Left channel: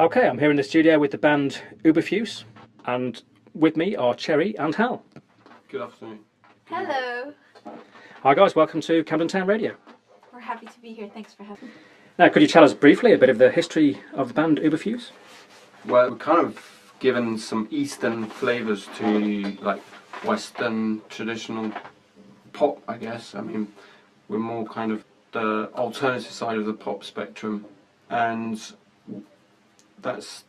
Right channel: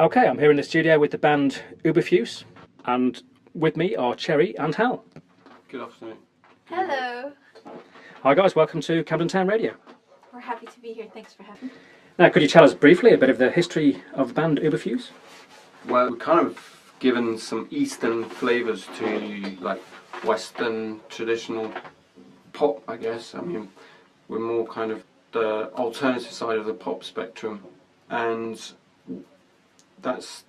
Okay, I'm here in the studio with the band Ooberfuse, and with me are Cherrie and Hal. Good afternoon. Hello. Hi guys, welcome to Camden Town Radio. We're happy to be here. Thanks for having me. Now, could you tell us briefly a bit of the history of the band Ooberfuse? Well, we're kind of given some Eastern flavours to like Western traditional pop, I guess. I mean, we're more kind of the alternative side of the pop spectrum, and that's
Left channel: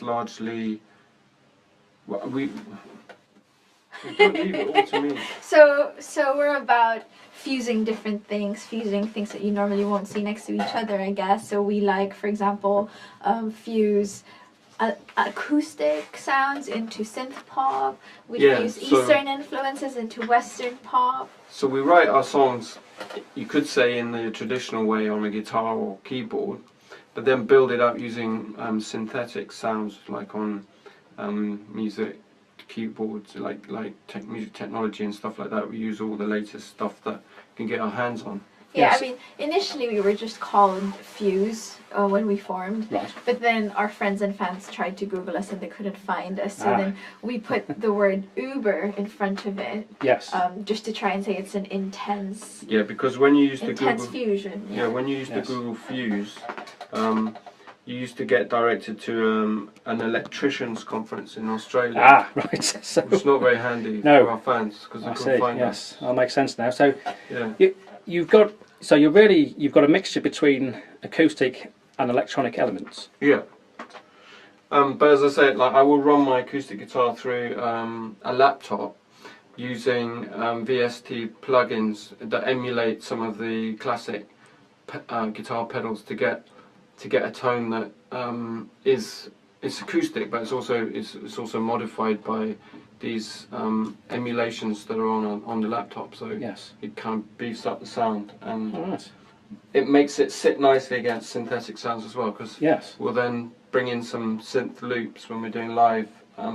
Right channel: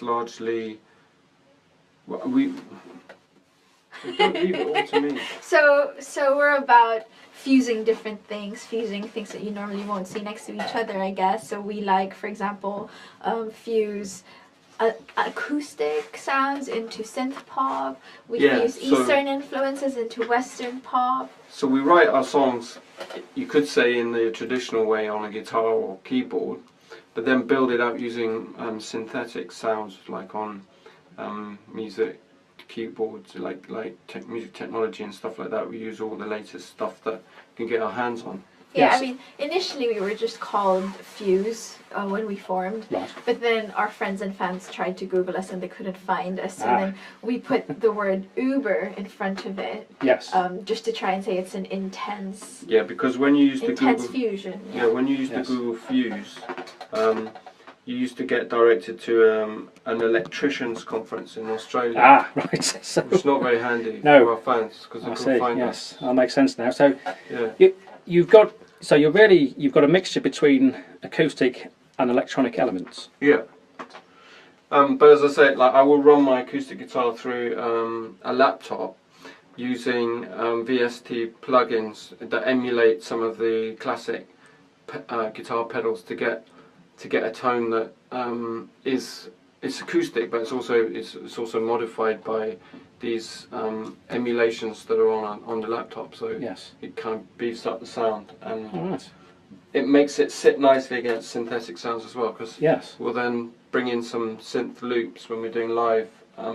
largely what we. Don't leave it all to me. So we're about fusing different things, fusing things that you normally won't see next to each other, I guess. So we like, for example, fuse acoustic sounds into synth pop. We fuse Eastern influences into Western pop. So we write our songs, you could say, in the traditional way on a guitar or keyboard, but then build it up using synthetic sounds, like on music keyboards, like music technology and stuff like that. We use all the latest stuff that we can get our hands on. Yeah, Yes. I mean, initially we were just called Fuse when we formed, Right. but then our friends and fans tried to Google us and they couldn't find us, so then we put the word Uber in front of it, Yes. just to try and say it's an intense Because when you use the Google fusion. when you use the Google Fuse, you used to get directed to an electricians conference in Australia. Right. So, Which is not very handy No. for our fans because they I couldn't see. find Yes, us. that makes sense now. So Yeah. you've got a mixture between acoustic and electronic elements. Yeah. But as I said, like I will run my acoustic guitar through a laptop using VST plugins that emulate some of the classic guitar pedals to get a tone that it's acoustic, but it's also modified by these emulations that are on the laptop. So Yes. it kind of beefs up the sound, and All right. it makes it sit nicely against synthetic sounds as well, because Yes. we'll then bring in some synth loops when we're doing live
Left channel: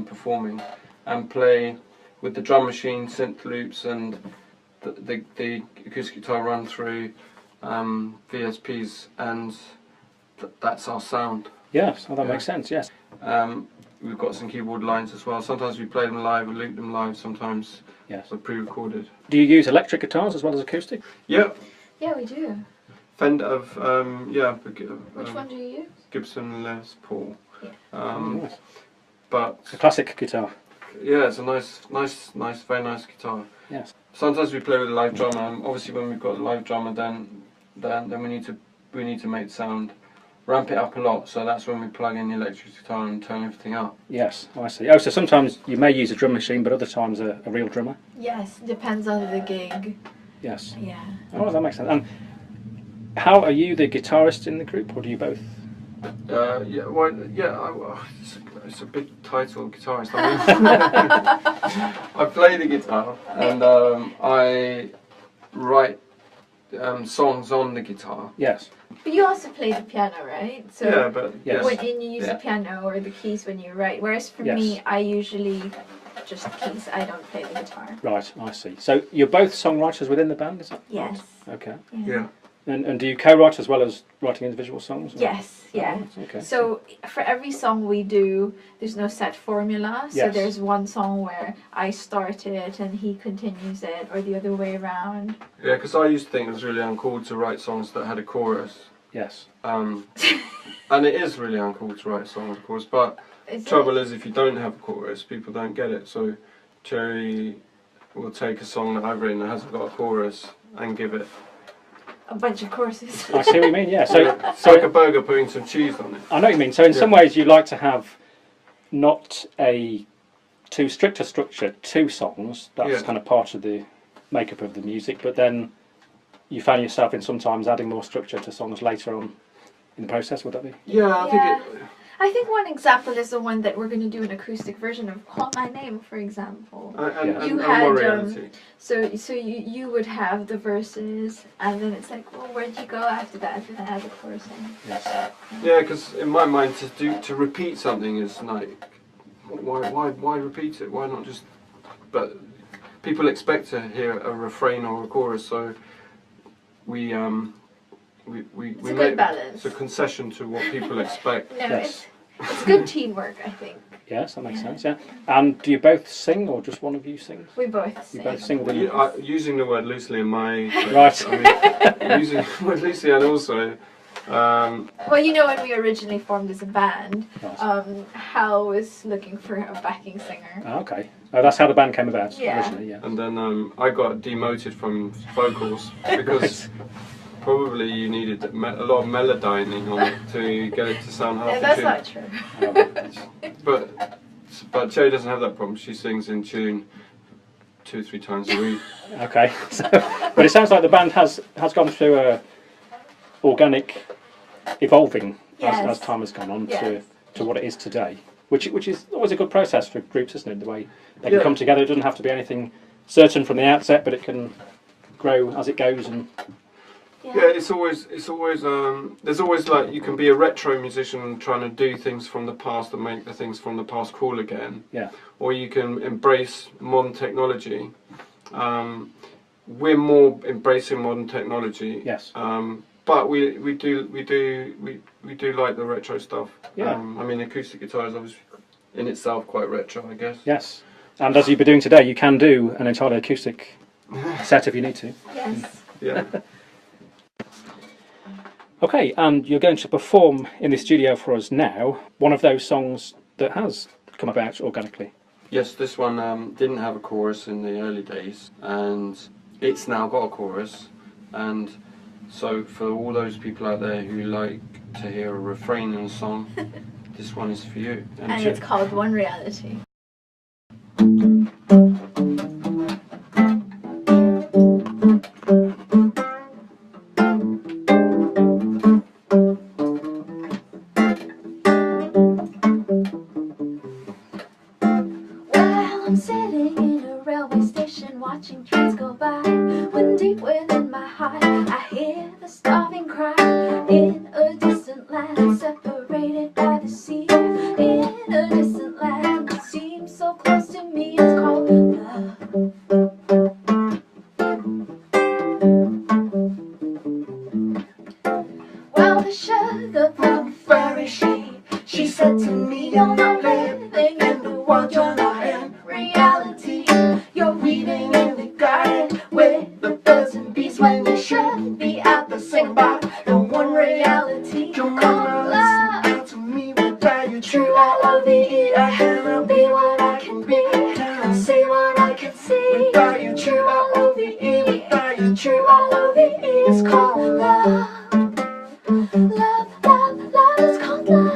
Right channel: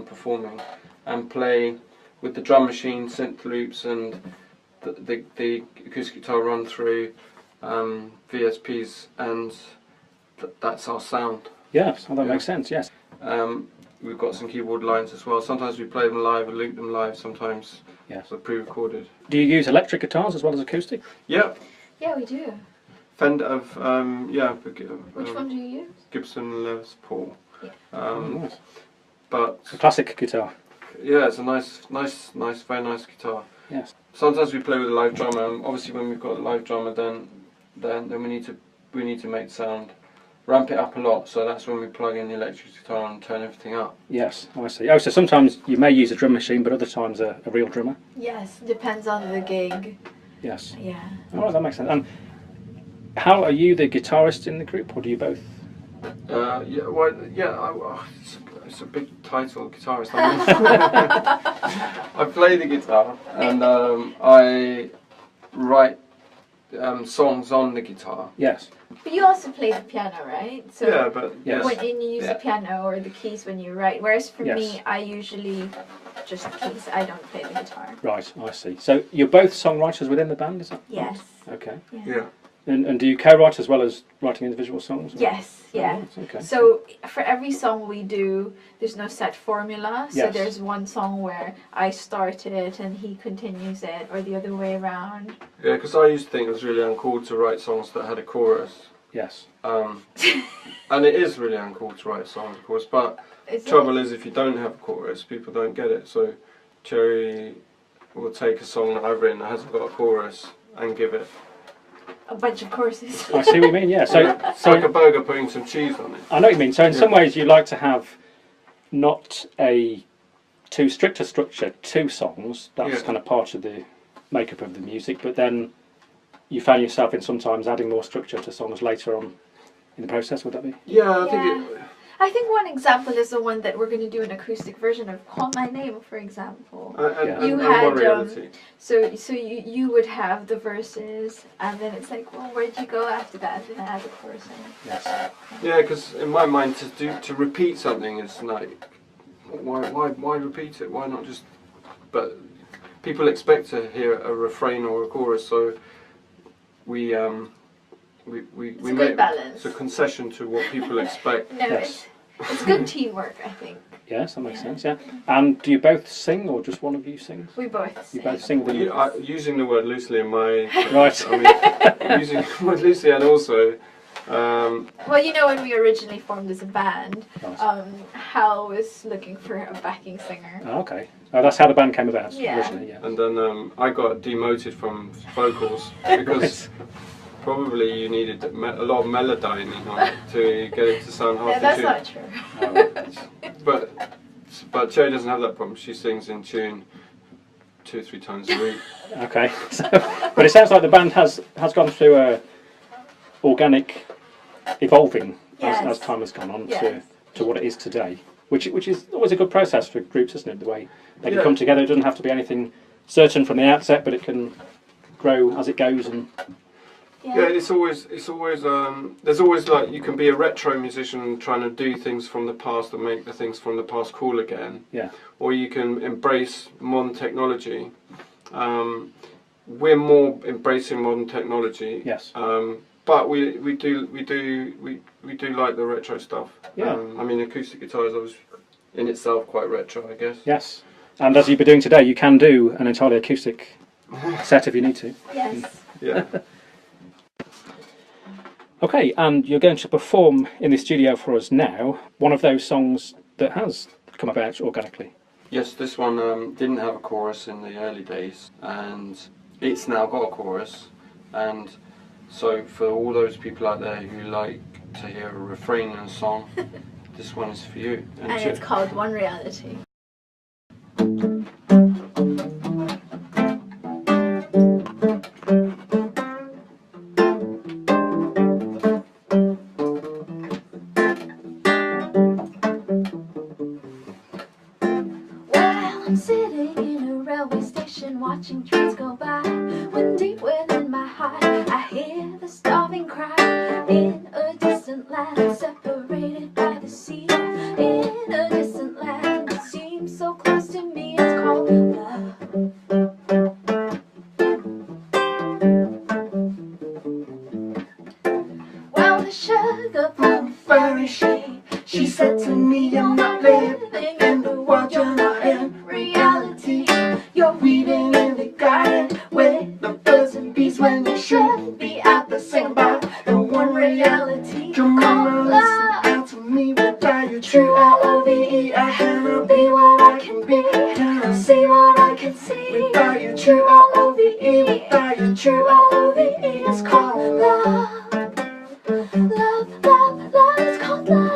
performing, and play with the drum machine synth loops and the acoustic guitar run through VSPs, and that's our sound. Yes. Oh, that makes sense. Yes. We've got some keyboard lines as well. Sometimes we play them live and loop them live. Sometimes Yes. they're pre-recorded. Do you use electric guitars as well as acoustic? Yeah, Yeah, we do. Fender of Which one do you use? Gibson Les Paul. Yeah. Nice. But A classic guitar. yeah, it's a nice, very nice guitar. Yes. Sometimes we play with a live drummer. Obviously, when we've got a live drummer, then we need to make the sound, ramp it up a lot. So that's when we plug in the electric guitar and turn everything up. Yes. Oh, I see. Oh, so sometimes you may use a drum machine, but other times a real drummer. Yes, depends on the gig. Yes. Yeah. All right, that makes sense. And how are you the guitarist in the group, or do you both? It's a big title, guitarist. I mean, I play the guitar and I write songs on the guitar. Yes. But you also play the piano, right? So Yeah, but Yes. when you use the piano or the keys when you write. Whereas for Yes. me, I usually just keys. I don't play the guitar. Right, I see. So you're both songwriters within the band, is that Yes. right? Okay. yeah. And do you co-write as well as writing individual songs? Or? Yes. Yeah. Oh, right, okay. So for every song we do, there's no set formula. So Yes. there's one song where I start it and he continues it, or the other way around. Yeah, because I used to think it was really uncool to write songs that had a chorus. Yes. And it is really uncool to write songs, of course, but Is trouble it? is if you don't have a chorus, people don't get it. So Cherrie will take a song that I've written that hasn't got a chorus and give it. A bunch of courses. I see what you mean, yeah. So, It's like a burger putting some cheese on it. I know what you mean. So in some ways you like to have not a too strict a structure to songs, that's kind of part of the makeup of the music, but then you found yourself in sometimes adding more structure to songs later on in the process, would that be? Yeah, I think one example is the one that we're going to do an acoustic version of "Call My Name," for example. And You more had, reality. So you would have the verses, and then it's like, well, where'd you go after that? And then add the chorus in. Yes. Yeah, because in my mind, to repeat something is like, why repeat it? Why not just? But people expect to hear a refrain or a chorus, so we we It's a make good balance. it's a concession to what people expect. No, Yes. it's good teamwork, I think. Yes, that makes sense. Yeah. And do you both sing, or just one of you sings? We both You sing. both sing with Using the word loosely in my Right. I mean, using the word loosely, and also. Well, you know, when we originally formed as a band, Nice. Hal was looking for a backing singer. Oh, okay. Oh, that's how the band came about Yeah. originally. Yeah. And then I got demoted from vocals because probably you needed a lot of melodyning on it to get it to sound half No, in that's tune. not true. Oh, But Cherrie doesn't have that problem. She sings in tune 2 or 3 times a week. okay. But it sounds like the band has gone through a organic evolving Yes. as time has gone on Yes. to what it is today, which is always a good process for groups, isn't it? The way they can Yeah. come together. It doesn't have to be anything certain from the outset, but it can grow as it goes. And Yeah, it's always there's always like you can be a retro musician trying to do things from the past and make the things from the past cool again. yeah, Or you can embrace modern technology. We're more embracing modern technology. yes, But we do like the retro stuff. Yeah. I mean, acoustic guitar is obviously in itself quite retro, I guess. yes. And as you've been doing today, you can do an entirely acoustic set if you need to. Yes. Yeah. Okay, and you're going to perform in the studio for us now one of those songs that has come about organically. Yes, this one didn't have a chorus in the early days, and it's now got a chorus. And so for all those people out there who like to hear a refrain in a song, this one is for you. And it's called One Reality. Well, I'm sitting in a railway station watching trains go by, when deep within my heart I hear the starving cry. In a distant land separated by the sea, in a distant land that seems so close to me, it's called love. Well, the sugar plum furry she said to me, you're not living in the world, you're not in reality. You're weeding in the garden with the birds and bees when you should be out there singing about the one reality Come called on, love. listen out to me without your true L-O-V-E. I cannot be what I can be, cannot see what I can see without your true L-O-V-E. Without your true L-O-V-E, it's called love. Love, love, love is called love.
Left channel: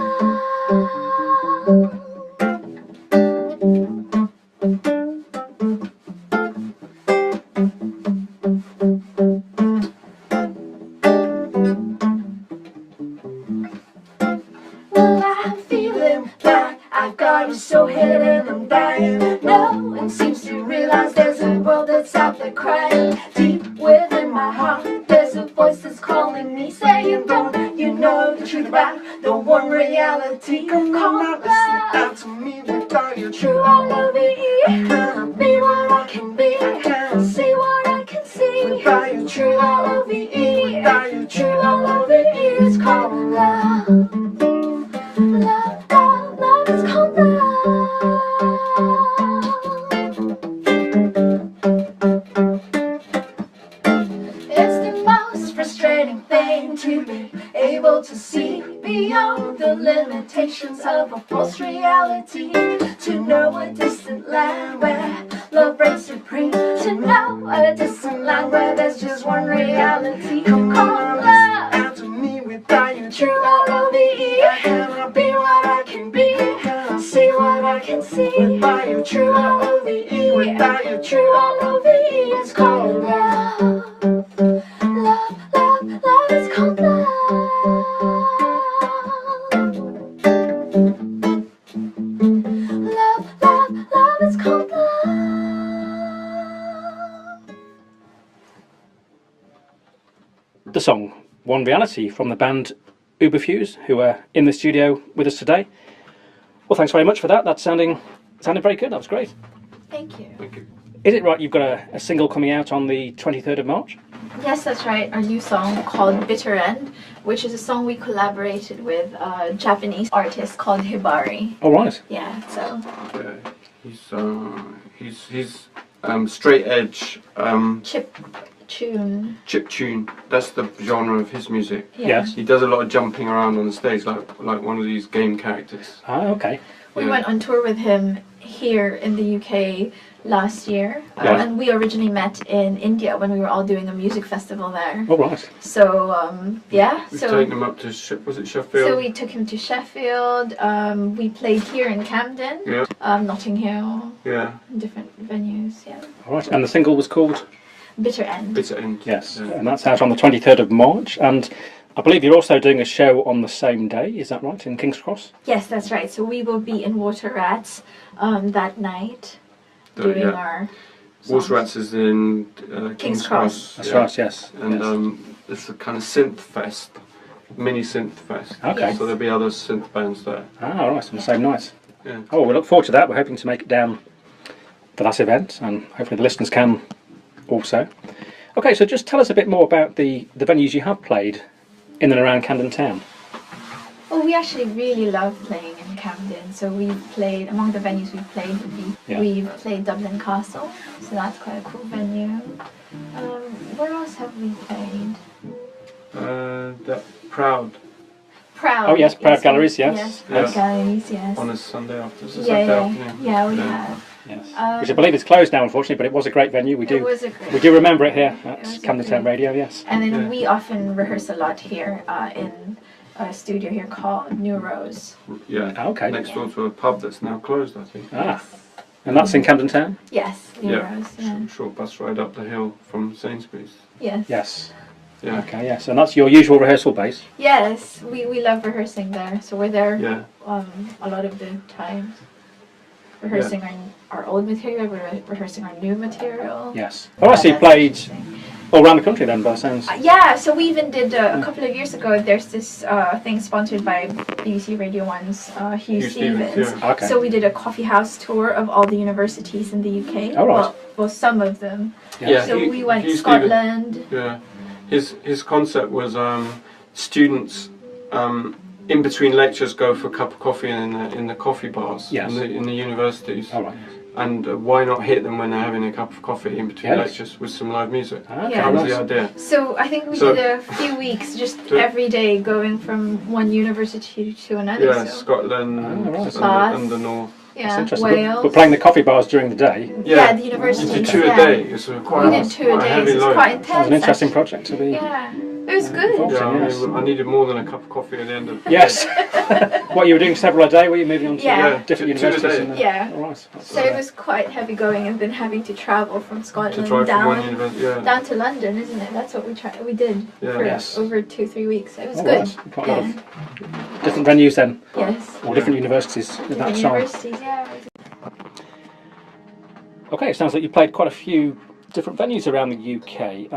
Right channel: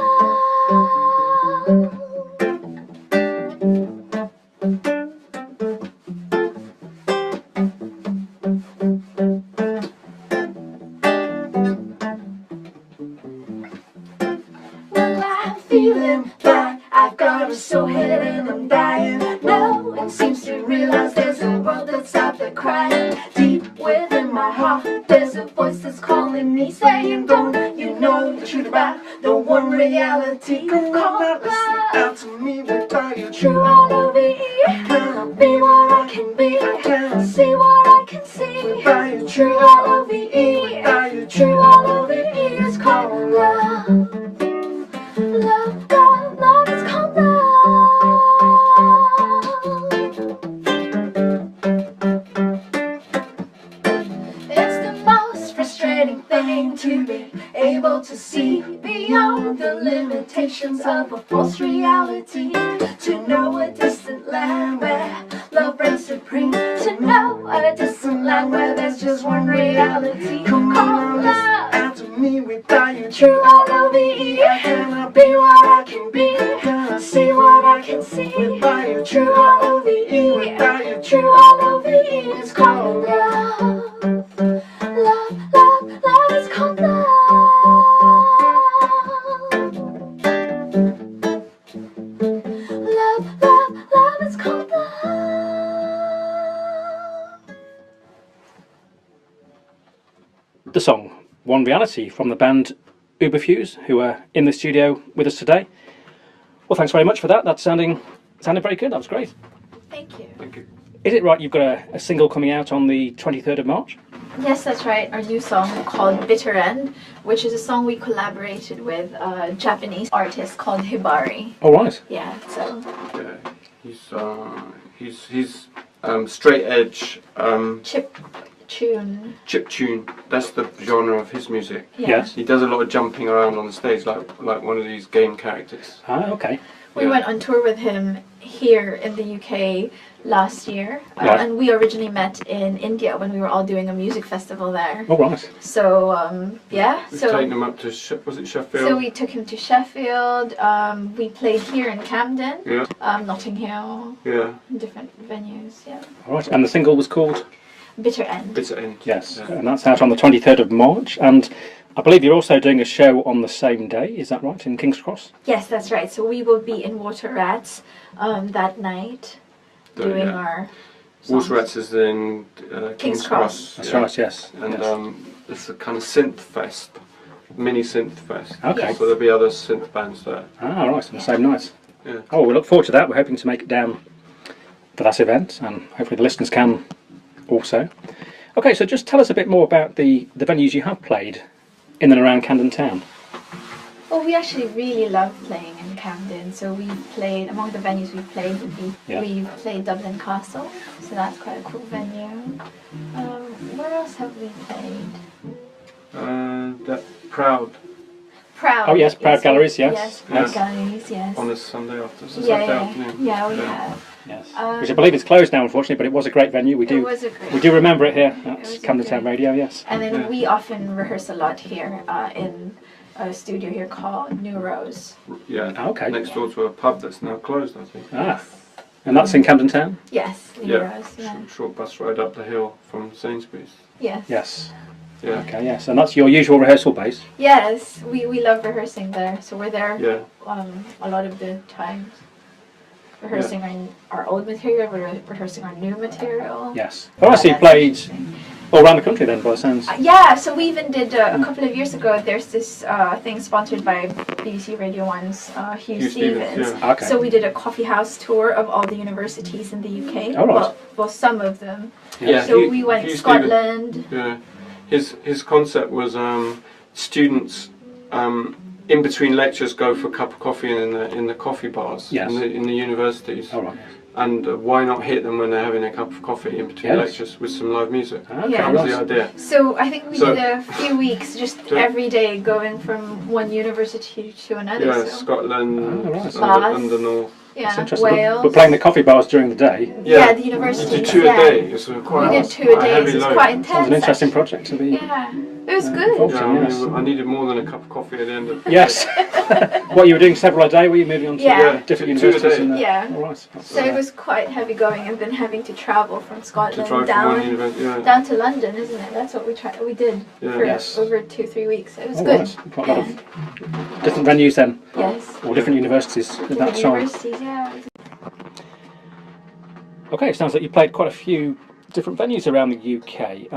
Well, I'm feeling like I've got it so hidden I'm dying. No one seems to realize there's a world that's out there crying. Deep within my heart there's a voice that's calling me, saying, don't you know the truth about the one reality Come called on, listen love? out to me without your True true L-O-V-E. I cannot Be what I can be, I cannot see what I can see without your true true L-O-V-E. without your True true L-O-V-E is called love. Love, love, love is called love. It's the most frustrating thing to be able to see beyond the limitations of a false reality. To know a distant land where love reigns supreme. To know a distant land where there's just one reality Come called on, listen love. out to me without your True true L-O-V-E. I cannot Be what I can be, cannot see what I can see without your true true L-O-V-E. without your True L-O-V-E is called love. Love, love, love is called love. Love, love, love is called love. The song One Reality from the band Ooberfuse, who are in the studio with us today. Well, thanks very much for that. That's sounding very good. That was great. Thank you. Thank you. Is it right you've got a single coming out on the 23rd of March? Yes, that's right. Our new song called Bitter End, which is a song we collaborated with a Japanese artist called Hibari. All right. Yeah, so. Yeah, he's straight edge. Chiptune. That's the genre of his music. Yeah. Yes. He does a lot of jumping around on the stage, like one of these game characters. Ah, okay. We went on tour with him here in the UK last year, Right. and we originally met in India when we were all doing a music festival there. All right. So yeah, We've so taken him up to was it Sheffield? so we took him to Sheffield. We played here in Camden, Yeah. Notting Hill, Yeah. different venues. Yeah, All right. And the single was called? Bitter End. Bitter End. Yes. Yeah. And that's out on the 23rd of March. And I believe you're also doing a show on the same day. Is that right? In King's Cross? Yes, that's right. So we will be in Water Rats that night doing our songs. Water Rats is in King's Cross. That's yeah. right, yes. And yes. It's a kind of synth fest, mini synth fest. Okay. Yes. So there'll be other synth bands there. Ah, right, on the same night. Yeah. Oh, we look forward to that. We're hoping to make it down for that event, and hopefully the listeners can also. Okay, so just tell us a bit more about the venues you have played in and around Camden Town. Well, we actually really love playing in Camden. So we've played, among the venues we've played would be, Yeah. we've played Dublin Castle, so that's quite a cool venue. Where else have we played? That Proud Proud. Oh, yes, Proud is Galleries, one- yes. Yes, Yeah. Proud Galleries, yes. on a Sunday after. It's a Yeah, Saturday yeah, afternoon. yeah, we Yeah. have. Yes. Which I believe is closed now, unfortunately, but it was a great venue. We It do was a great. we do remember it here It was at a Camden Town great- Radio, yes. And then Yeah. we often rehearse a lot here in a studio here called New Rose. Yeah. Ah, okay. Next door to a pub that's now closed, I think. Ah, and that's in Camden Town? Yes, New Yeah. Rose. Yeah. Short bus ride up the hill from Sainsbury's. Yes. Yes. Yeah. Okay, yes. And that's your usual rehearsal base? Yes, we love rehearsing there. So we're there Yeah. a lot of the times. Rehearsing our old material, we're rehearsing our new material. Yes. Oh, I see you That's played interesting. all around the country then, by the sounds. Yeah, so we even did a couple of years ago. There's this thing sponsored by BBC Radio 1's Hugh Stevens. yeah. Okay. So we did a coffee house tour of all the universities in the UK. Oh, right. Well, some of them. Yeah. So Hugh- we went Hugh to Scotland. Yeah. His concept was students in between lectures go for a cup of coffee in the coffee bars Yes. in the universities. All right. And why not hit them when they're having a cup of coffee in between Yes. lectures with some live music? Okay, Yeah. That was right. the idea. So I think we So- did a few weeks, just So- every day, going from one university to another. Yeah, so. Scotland, Oh, right. Bath. under North. That's Yeah, interesting. Wales. But playing the coffee bars during the day Yeah, the You universities. did two yeah. a day. It's quite, We did two a quite day. heavy It's load. quite intense. sounds an interesting actually. project to be. Yeah, it was Yeah, good. involved. Yeah, I, Yes. mean, I needed more than a cup of coffee at the end of. Yes. What, you were doing several a day? Were you moving on to Yeah. different Two a universities? day. Yeah. All right. That's, So it was quite heavy going, and then having to travel from To Scotland drive from one down university. Yeah. down to London, isn't it? That's what we did Yeah. for Yes. over 2-3 weeks. It was all good. right. Quite a lot of different venues then, Yes. or different universities at that Different time. universities, yeah. Okay, it sounds like you played quite a few different venues around the UK.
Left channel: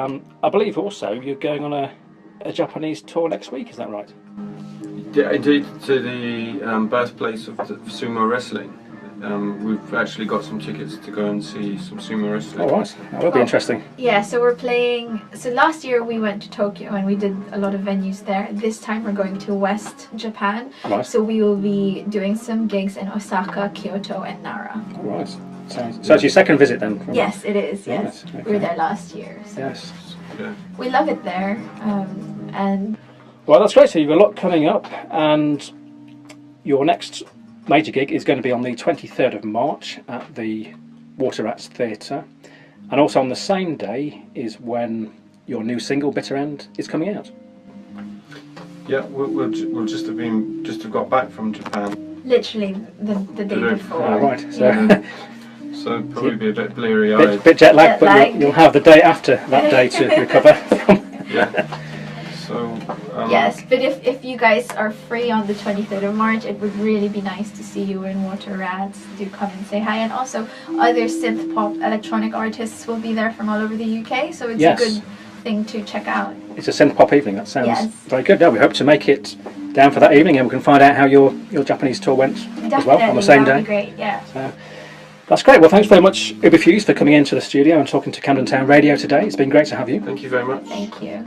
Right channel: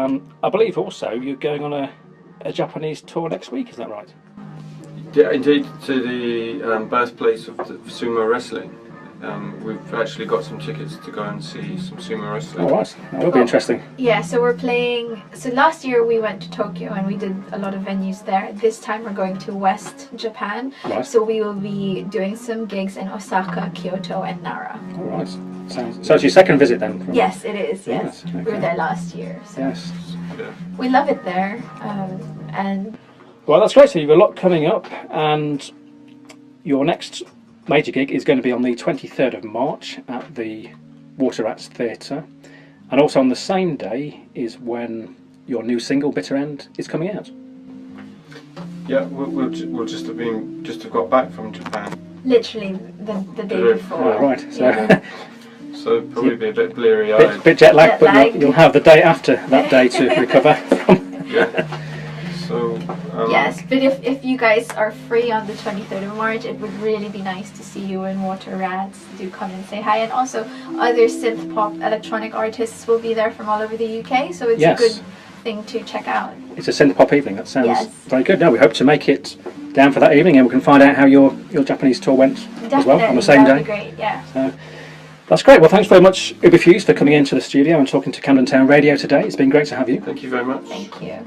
I believe also you're going on a Japanese tour next week, is that right? Yeah, indeed, to the birthplace of the sumo wrestling. We've actually got some tickets to go and see some sumo wrestling. All right, that will be Oh. interesting. Yeah, so we're playing. So last year we went to Tokyo and we did a lot of venues there. This time we're going to West Japan. Right. So we will be doing some gigs in Osaka, Kyoto, and Nara. All right. So it's your second visit then? From... Yes, it is. Yes, Right, we were okay. there last year. So Yes. Yeah. we love it there, and Well, that's great. So you've got a lot coming up, and your next major gig is going to be on the 23rd of March at the Water Rats Theatre, and also on the same day is when your new single "Bitter End" is coming out. Yeah, we'll just have got back from Japan, literally the day Today. before. Oh, right. So Yeah. so probably be a bit bleary-eyed. bit jet lagged, Jet but lagged. you'll have the day after that day to recover. Yeah. So. Yes, but if you guys are free on the 23rd of March, it would really be nice to see you in Water Rats. Do come and say hi. And also, other synth pop electronic artists will be there from all over the UK, so it's Yes. a good thing to check out. It's a synth pop evening. That sounds Yes. very good. Now we hope to make it down for that evening, and we can find out how your Japanese tour went as well on the same that'd day. be great, yeah. So, That's great. Well, thanks very much, Ooberfuse, for coming into the studio and talking to Camden Town Radio today. It's been great to have you. Thank you very much. Thank you.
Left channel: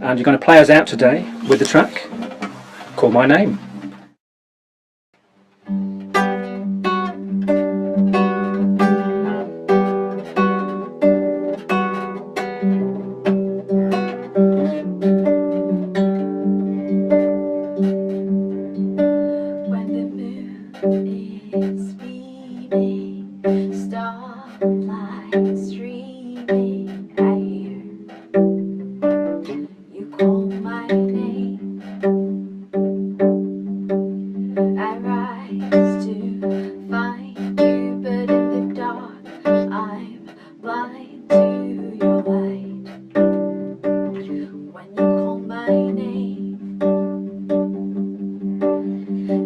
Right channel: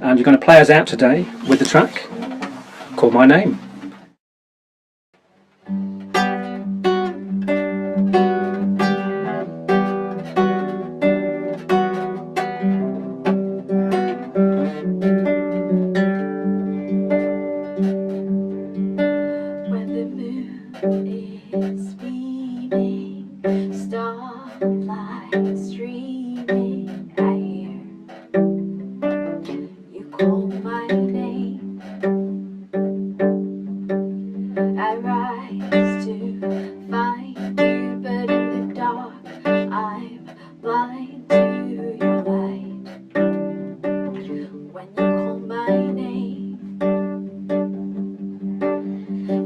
And you're going to play us out today with the track Call My Name. When the moon is beaming, starlight streaming, I hear you call my name. I rise to find you, but in the dark I'm blind to your light. When you call my name,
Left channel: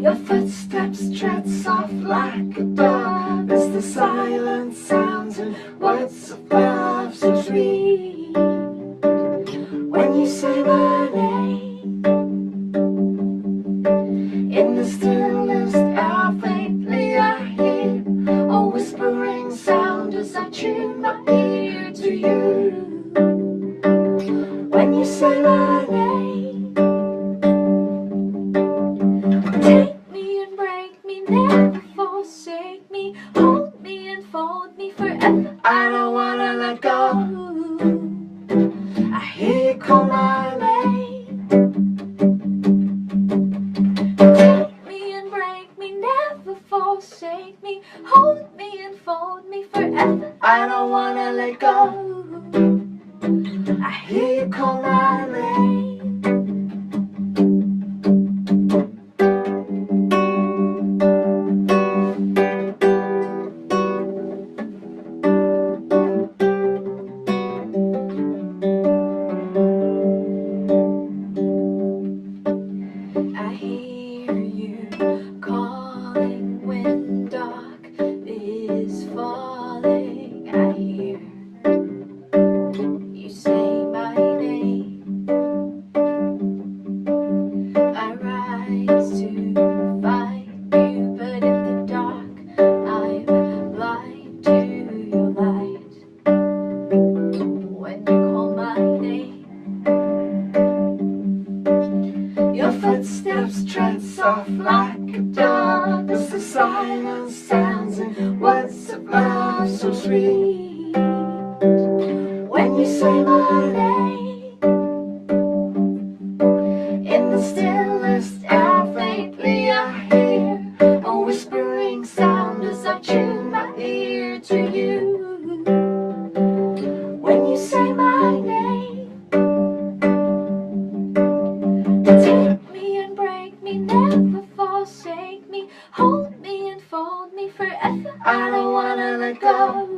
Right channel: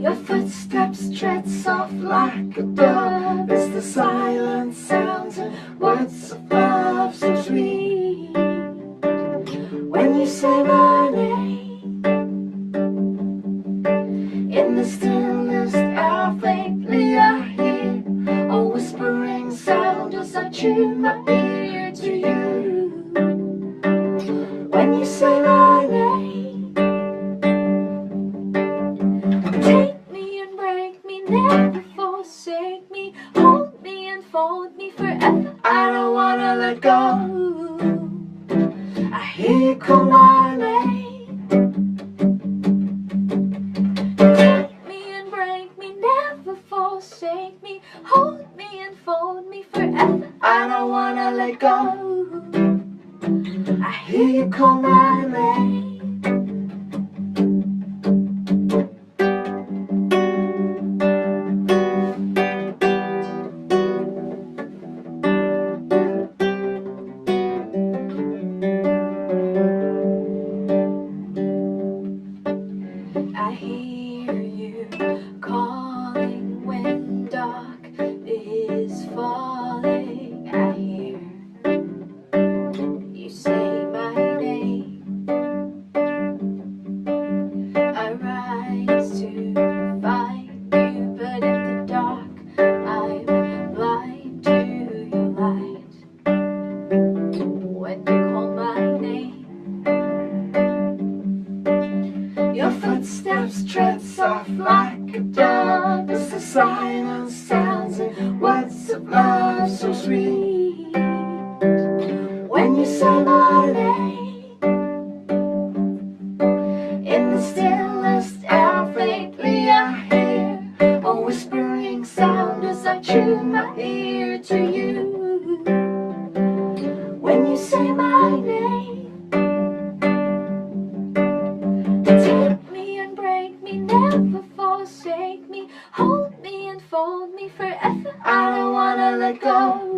your footsteps tread soft like a dove as the silence sounds and words of love so sweet. When you say my name, in the stillness out faintly I hear a whispering sound as I tune my ear to you. When you say my name, take me and break me, never forsake me, hold me and fold me forever. I don't wanna let go. I hear you call my name. Take me and break me, never forsake me, hold me and fold me forever. I don't wanna let go. I hear you call my name. I hear you calling when dark is falling. I hear you say my name. I rise to find you, but in the dark I'm blind to your light. When you call my name, your footsteps tread soft like a dove as the silence sounds and words of love so sweet. When you say my name, in the stillest hour faintly I hear a whispering sound as I tune my ear to you. When you say my name, take me and break me, never forsake me, hold me and fold me forever. I don't wanna let go.